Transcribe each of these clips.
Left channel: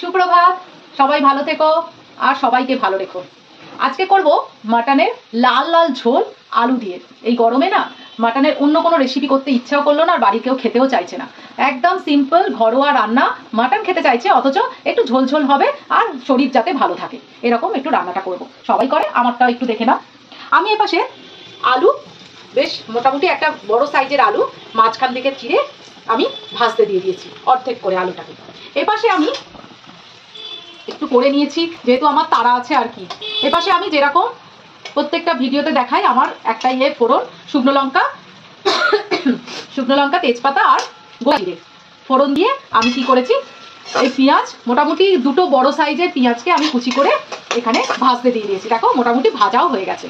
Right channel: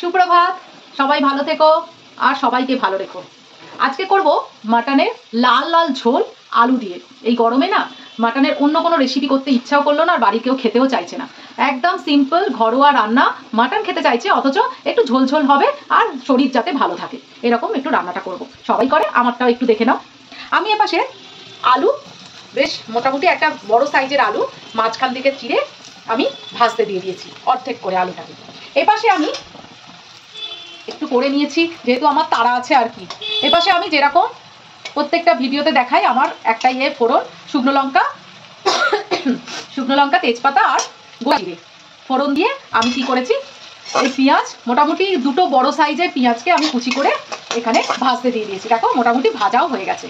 সুপ্রভাত, সবাই ভালো থেকো আর সবাইকে ভালো রেখো। আজকে করব মাটনের লাল লাল ঝোল আলু দিয়ে। এই গরমে না মাটনের অন্য কোনো রেসিপি করতে ইচ্ছাও করলো না আর বাড়ির কেউ খেতেও চাইছে না। একদম সিম্পল ঘরোয়া রান্না, মাটন খেতে চাইছে অথচ একটু ঝোল ঝোল হবে আর শরীর যাতে ভালো থাকে এরকম একটু রান্নাটা করব। সবাই করে, আমারটাও একটু দেখে নাও। আমি এপাশে আলু, বেশ মোটামুটি একটা বড় সাইজের আলু মাঝখান থেকে চিড়ে আমি ভাজতে দিয়ে দিয়েছি অর্ধেক করে আলুটাকে। এপাশে আমি একটু করে নিয়েছি, যেহেতু আমার তাড়া আছে আর কি। এপাশে আমি যেরকম প্রত্যেকটা ভিডিওতে দেখাই, আমার একটা ফোড়ন, শুকনো লঙ্কা তেজপাতা আর জিরে ফোড়ন দিয়ে আমি কি করেছি, এই পেঁয়াজ মোটামুটি দুটো বড় সাইজের পেঁয়াজকে আমি কুচি করে এখানে ভাজতে দিয়ে দিয়েছি। দেখো মোটামুটি ভাজাও হয়ে গেছে।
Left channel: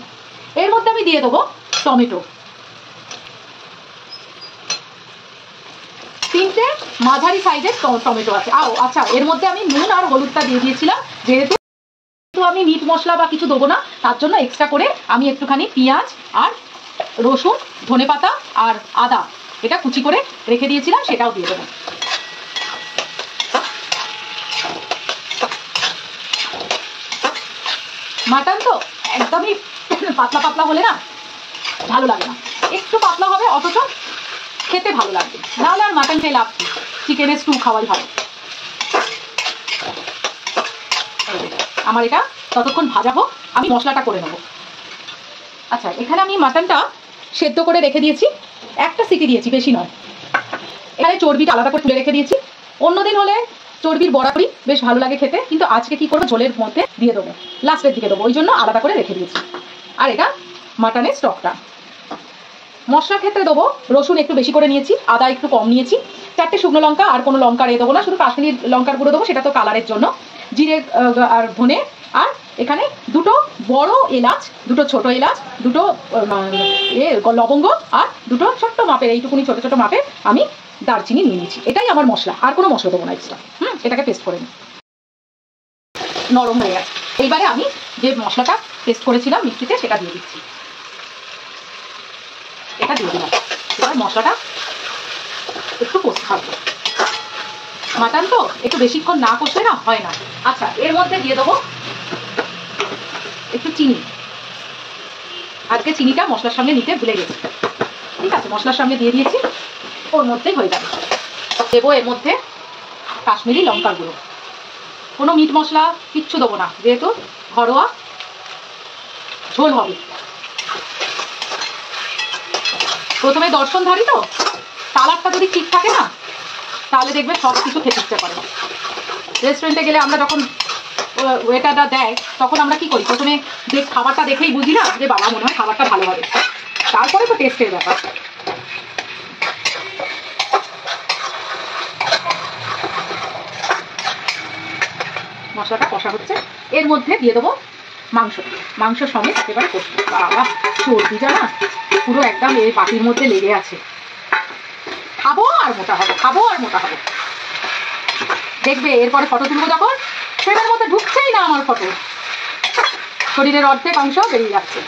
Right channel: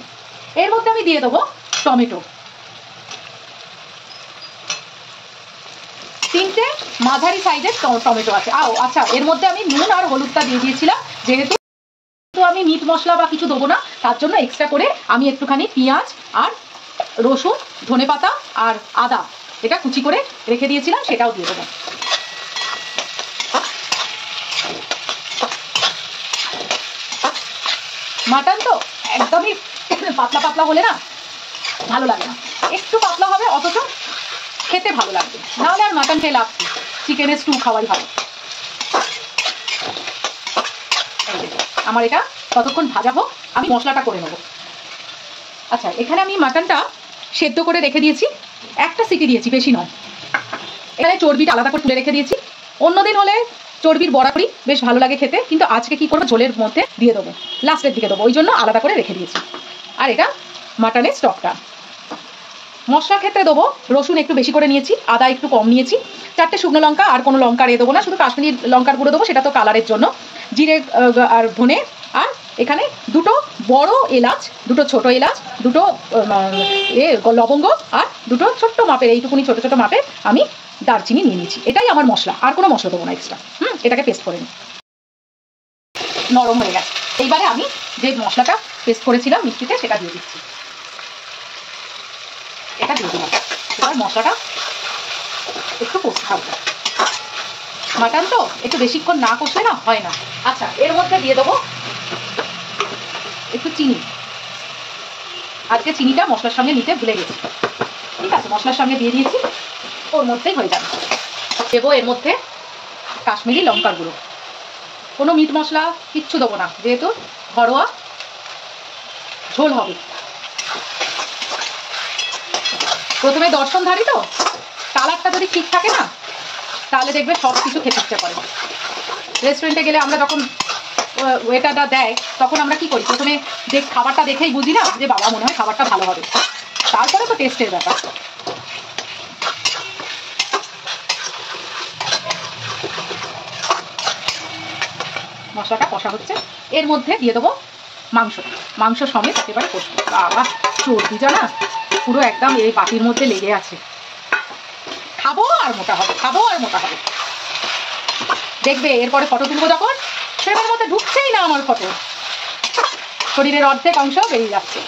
এর মধ্যে আমি দিয়ে দেবো টমেটো, 3টে মাঝারি সাইজের টমেটো আছে। আচ্ছা, এর মধ্যে আমি নুন আর হলুদটা দিয়ে দিয়েছিলাম, যেহেতু আমি মিট মশলা বা কিছু দেবো না, তার জন্য এক্সট্রা করে আমি একটুখানি পেঁয়াজ আর রসুন, ধনেপাতা আর আদা এটা কুচি করে রেখে দিয়েছিলাম, সেটাও দিয়ে দেবো। মাটন তো একদমই পাতলা পাতলা হলে না ভালো লাগে না, একটু পাতলা হবে অথচ খেতে ভালো লাগবে, নাহলে আর মাটন খেয়ে লাভ কি, চিকেনের স্টু খাওয়াই ভালো। আমার এটা ততক্ষণ ভাজা হোক, আমি মশলাটা করে নেবো। আচ্ছা, এখানে আমি মাটনটা সেদ্ধ করে রেখে দিয়েছি, একটা সিটি দিয়েছি, বেশি নয়। এখানে চর্বিটা আলাদা করে তুলে রেখে দিয়েছি। অন্যদিন হলে চর্বির বড়াপুরি বেশ ভালো লাগে খেতে, কিন্তু আজকে কি করবো, ঝোলের মধ্যে দিয়ে দেবো, লাস্টের দিকে দেবো, ওই জন্য আলাদা করে রেখে দিয়েছি। আর এটা মাটনের স্টকটা। মশলার ক্ষেত্রে দেবো রসুন একটু বেশি করে নিয়েছি, আদা একটু কম নিয়েছি, 4টে শুকনো লঙ্কা, আর কোনো লঙ্কা দেবো না, শুধু কাশ্মীরি লঙ্কার গুঁড়ো দেবো, সেটা তো কালারের জন্য, জিরে আর ধনে, আর এখানে দুটো বড় এলাচ, দুটো ছোট এলাচ, দুটো লবঙ্গ, আর দুটো ছোট্ট মাপের, এইটুকুনি ছোট ছোট মাপের আমি দারচিনি নিয়ে নিয়েছি। এটাই আমার মশলা, আর কোনো মশলা দেবো না এক্সট্রা। এটাকে পেস্ট করে নিই, নরম হয়ে গেছে। এইবারে আমি যে মশলাটা পেস্ট করেছিলাম মিষ্টিতে, সেটা দিয়ে দিচ্ছি। এটা দিয়ে দিলাম। এবার মশলাটা একটু কষতে থাকবো, মাটন তো একটু বেশিক্ষণ না কষলে না হয় না। আচ্ছা, এর মধ্যে দিয়ে দেবো একটু চিনি। আজকে চিনিটা মশলার সঙ্গে নিতে ভুলে গেছি, ঠিক আছে, মশলার সঙ্গে দিয়ে দিয়েছি, ওর মধ্যেই হয়ে যাবে। দেবো এর মধ্যে কাশ্মীরি লঙ্কার গুঁড়ো, কোনো মিট মশলা কিচ্ছু দেবো না, যেহেতু ঘরোয়া ঝোল হবে। প্রথমে দর্শনধারী তো, কালারটা যদি ঠিক থাকে না, তাহলে দেখবে সব কিছু খেতে ইচ্ছে করে। রেস্টুরেন্টে গেলে আমরা যখন ওয়েটারটা দেয়, তখন আমরা কি করি, প্রথমে যে খাবারটা দেখেই বুঝি না যে বাবা মনে হয় খাবারটা ভালো হবে, তারপরে তো টেস্টের ব্যাপার। মশলাটা কষা হচ্ছে, এর মধ্যে দিয়ে দেবো মাংস সমেত একেবারে কষবো। বাবা, চর্বি জানা পুরো একদম এই বাটির মধ্যে লেগে আছে। খাবো আর মোটা হবে, খাবো আর মোটা হবে। দেখবে এরপরে ফটো তুলবো যখন, সেটার মধ্যে ঢুকছেই না আমার ফটো, শরীরের অর্ধেক অংশ বেরিয়ে যাচ্ছে।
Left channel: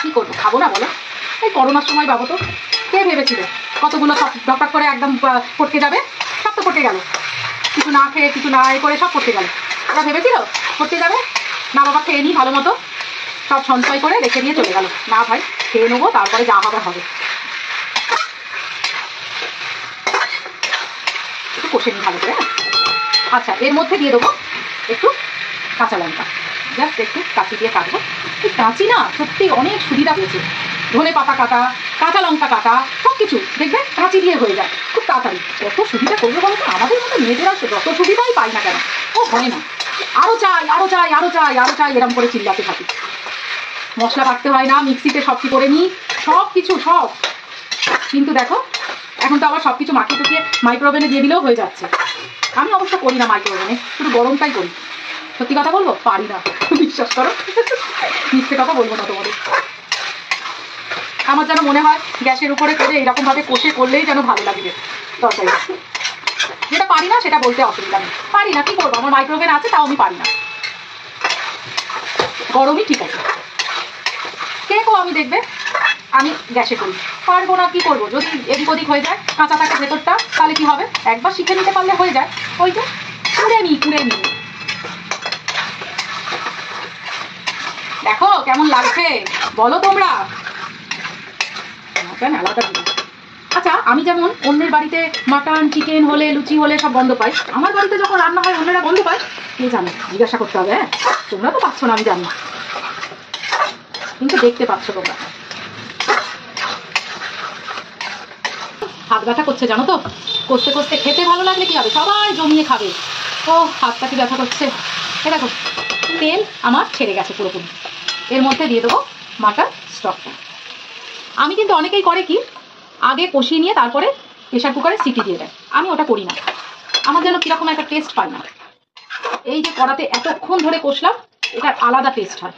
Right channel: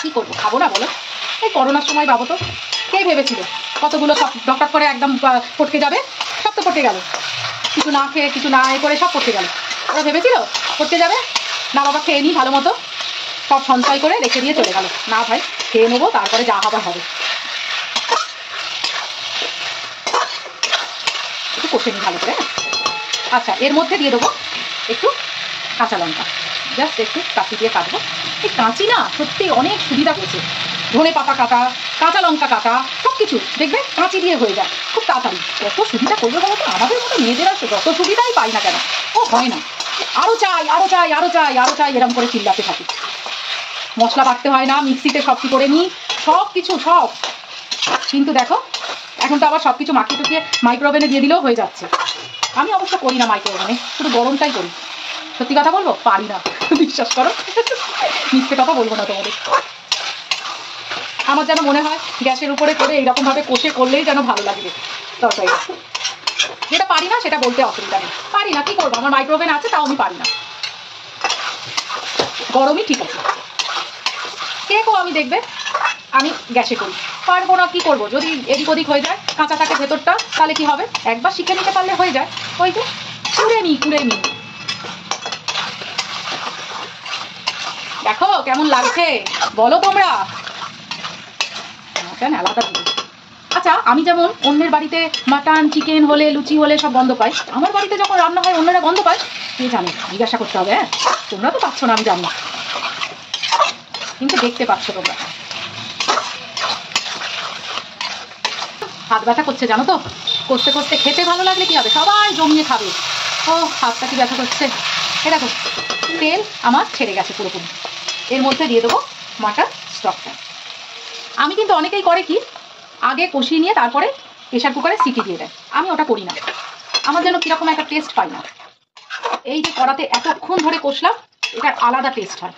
কি করবো, খাবো না বলো? এই করোনার সময় ভাবো তো, কে ভেবেছিল কতগুলো সব ডকটক করে একদম পটকে যাবে, সব তো পটে গেল, কিছু না খেয়ে কিছু না করে সব পটকে গেল। ওরা ভেবেছিল পটকে যাবে, না বাবা খেয়ে নিই ভালো মতো, সব সঞ্চয় করে রেখে দিয়ে চলে গেল। না ভাই, খেয়ে নেবো, তারপরে যা হবে হবে। একটু কষে নিই ভালো করে। আচ্ছা, এর মধ্যে দিয়ে দেবো একটু কাঁচা লঙ্কা, জাস্ট একটু কাঁচি দিয়ে কাটবো। এই কাঁচি না সত্যি অনেক সুবিধা হয়েছে, ধনে পাতা কাটা, কাঁচা লঙ্কা কাটা, সব কিছু দেখবে কাঁচি দিয়ে হয়ে যায় খুব তাড়াতাড়ি। কত সুবিধা করবে বলো তো, আমাদের মতো মেয়েদের আসে যত সুবিধাই পাই না কেন, ও হয় না, আরও চাই আরও চাই আরও চাই আরও চাই, এরকম করে চিল্লাতে থাকি। মশলা বাটতে হয় না, মিক্সিতে সব কি করে নিই, সব কিছু সব। কিন্তু দেখো এখন তো আবার সব কিছু মাখিয়ে টুকিয়ে মাইক্রোওভেনে দিয়ে দিলেও হয়ে যাচ্ছে। আমি অবশ্য করি না মাইক্রোওভেনে, শুধু গরমটাই করি। সত্যি কথা বলবো, পারি না, বিশ্বাস করো, মিথ্যে কথা বলবো না তোমাদের। আমার যেন মনে হয় গ্যাসের উপরে করে এইরকম ভাবে কষে করলেই যেন ভালো লাগবে তরকারি। যেটা পারি না সেটা বলতে অসুবিধা নেই, পারি না, কি করবো, আমার মাইক্রোওভেন আছে, তাও আমি পারি না। গরমই ঠিক আছে। কে কো আমি দেখবে আমি গ্যাসে করি, পারবো না কি করবো, যদি এদিক ওদিক হয়ে যায় কাঁচা থাকে ভেতরটা তাহলে কি হবে, একবার শিখে নিতে পারলে হয়ে যায়। ওই যে কুড়ে নি দেখো কেমন লাগছে বলো তোমরা। কেন আলাদা জিনিস। আচ্ছা আমি যেমন অন্যের বাড়িতে মাটন চিকেন হলে লুচি হলে সব গন্ধ পাই, আমার বাড়িতে যখন রান্না হয় অন্যরা গন্ধ পায় কি জানো, জিজ্ঞাসা করতে হবে। হ্যাঁ তোমরা তো পাচ্ছ না আমি জানি, কিন্তু দেখতে পাচ্ছ তোমরা। হাত ব্যথা করছে জানো তো, কষতে কষতে খেতে ভালো লাগলে কি হবে, সবাই জমিয়ে খাবে। ও হাতটা কি ব্যথা করছে। এ দেখো তেল আমার ছেড়ে গেছে পুরোপুরি, এর মধ্যে দিয়ে দেবো মাটন স্টকটা। আমি কিন্তু অনেকেই করে কি আগে কষিয়ে নিয়ে তারপরে প্রেশার কুকারে সিটি দিয়ে দেয়, আমি ওটা করি না, আমার যেন কীরকম একটা টেস্ট পাই না। এই যে কড়াতে এতক্ষণ ধরে কষলাম এটার আলাদা টেস্ট হয়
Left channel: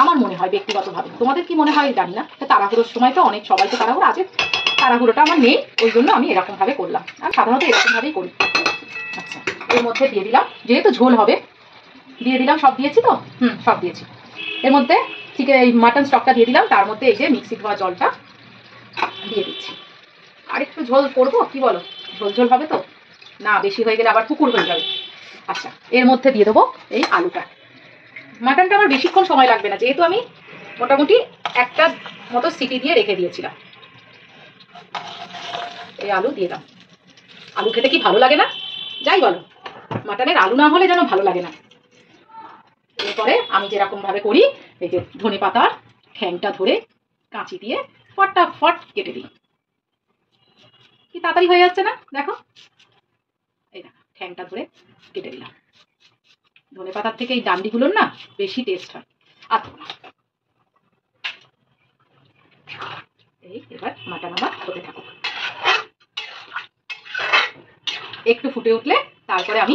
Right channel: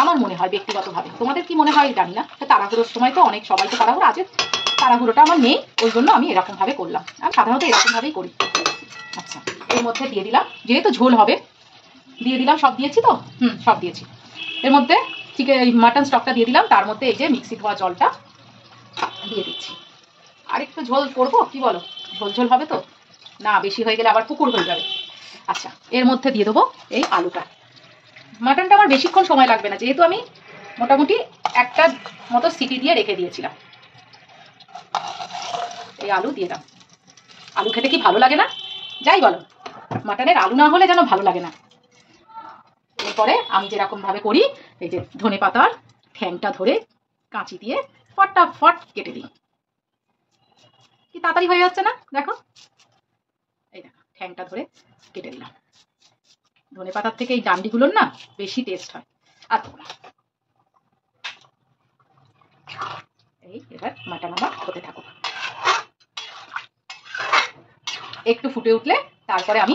আমার মনে হয় ব্যক্তিগতভাবে, তোমাদের কি মনে হয় জানি না। তাড়াহুড়োর সময় তো অনেক সবাই তো তাড়াহুড়ো আছে, তাড়াহুড়োটা আমার নেই, ওই জন্য আমি এরকমভাবে করলাম, আমি সাধারণত এরকমভাবেই করি। আচ্ছা এর মধ্যে দিয়ে দিলাম, যেহেতু ঝোল হবে দিয়ে দিলাম, সব দিয়েছি তো, সব দিয়েছি। এর মধ্যে ঠিক এই মাটন স্টকটা দিয়ে দিলাম, তার মধ্যে এই যে মিক্সি ধোয়া জলটা দিয়ে দিচ্ছি। আর একটু ঝোল করবো কি বলো, ঝোল ঝোল হবে তো, না বেশি হয়ে গেলে আবার পুকুর হয়ে যাবে। আচ্ছা এর মধ্যে দিয়ে দেবো এই আলুটা। মাটনটা আমার বেশিক্ষণ সময় লাগবে না, যেহেতু আমি মোটামুটি একটা মতো সিটি দিয়ে রেখে দিয়েছিলাম। এই আলু দিয়ে দাও, আলু খেতে কি ভালো লাগে না, যাই বলো মাটনের আলু না হলে যেন ভালো লাগে না। এরপরে আমি যেরকম ভাবে করি এই যে ধনে পাতার ঠ্যাংটা ধরে কাঁচি দিয়ে ফটাফট কেটে দিই, কি তাড়াতাড়ি হয়ে যাচ্ছে না দেখো। এই দেখো ঠ্যাংটা ধরে কেটে দিলাম, ধনে পাতার থেকে এই ডান্ডিগুলোর না বেশি টেস্ট হয়। আর এই এবার মাটন আমার হতে থাকুক, একটু ফুটে উঠলে তারপরে আমি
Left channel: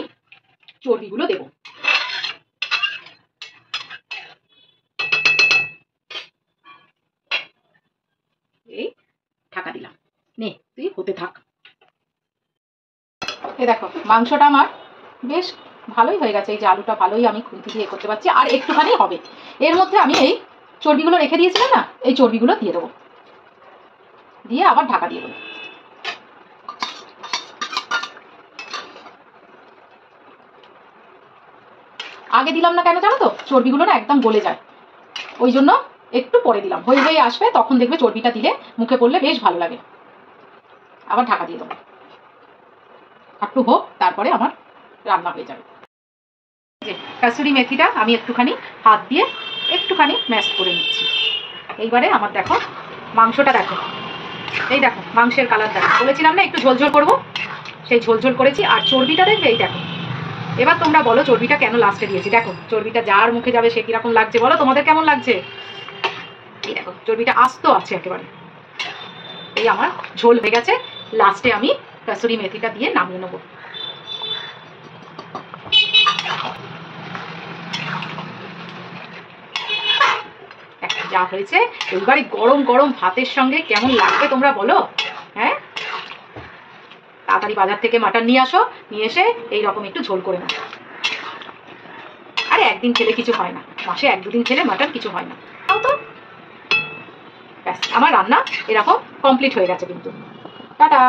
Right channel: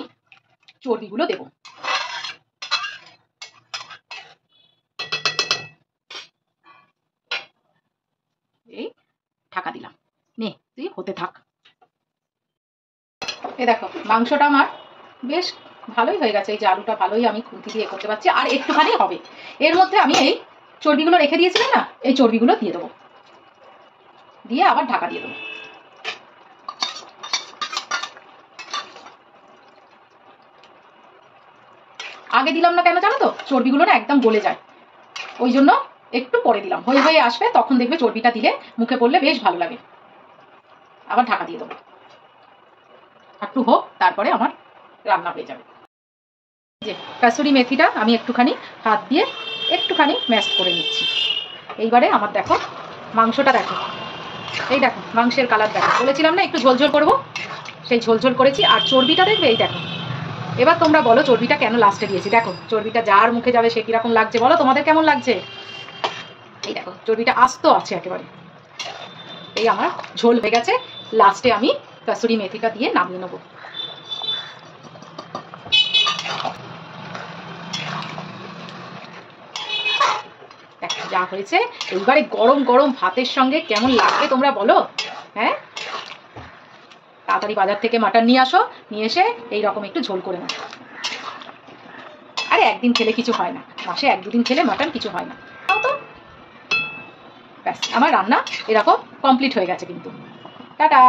চর্বিগুলো দেবো। এই ঢাকা দিলাম, নে তুই হতে থাক। এই দেখো মাংসটা আমার বেশ ভালোই হয়ে গেছে, এই যে আলুটা ভালোই আমি খুন্তি দিয়ে করতে পারছি, আর একটুখানি হবে। এর মধ্যে আমি এই চর্বিগুলো রেখে দিয়েছিলাম না, এই চর্বিগুলো দিয়ে দেবো, দিয়ে আবার ঢাকা দিয়ে দেবো। আগে দিলাম না কেন জানো তো, চর্বিগুলো না একদম গলে যায়, ওই জন্য একটু পরে দিলাম, হয়ে হয়ে আসবে তখন দেখবে চর্বিটা দিলে মুখে পড়লে বেশ ভালো লাগে। আবার ঢাকা দিয়ে দেবো, একটু হোক তারপরে আমার রান্না হয়ে যাবে। যে কাসুরি মেথিটা আমি একটুখানি হাত দিয়ে একটুখানি ম্যাশ করে নিচ্ছি। এইবারে আমার দেখো মাংসটা দেখো, এই দেখো মাংসের কালার দেখো, বলেছিলাম না একটু ঝোলঝোল করবো, সেই ঝোলঝোল করেছি। আর চর্বিটা দেখবে এই দেখো, এবার তোমরা বলো চর্বিটা কেন লাস্টে দিয়েছি, দেখো চর্বিটা যার মুখে যাবে সে কিরকম লাগছে বলো, তোমাদের কেমন লাগছে। এই দেখো চর্বিটা আস্ত আছে একেবারে। এই আমার ঝোল হয়ে গেছে, লাস্টে আমি কাসুরি মেথিটা দিয়ে নামিয়ে নেবো। যা হয়েছে এইবারে গরম গরম ভাতের সঙ্গে কেমন লাগবে তোমরা বলো। হ্যাঁ তাড়াতাড়ি বাজার থেকে মাটন নিয়ে আসো, নিয়ে এসে এইরকম একটু ঝোল করে নাও। আরে একদিন খেলে কিছু হয় না, মাসে এক দুদিন খেলে মাটন কিছু হয় না, তাও তো। ব্যাস আমার রান্না এরকম কমপ্লিট হয়ে গেছে কিন্তু। টাটা।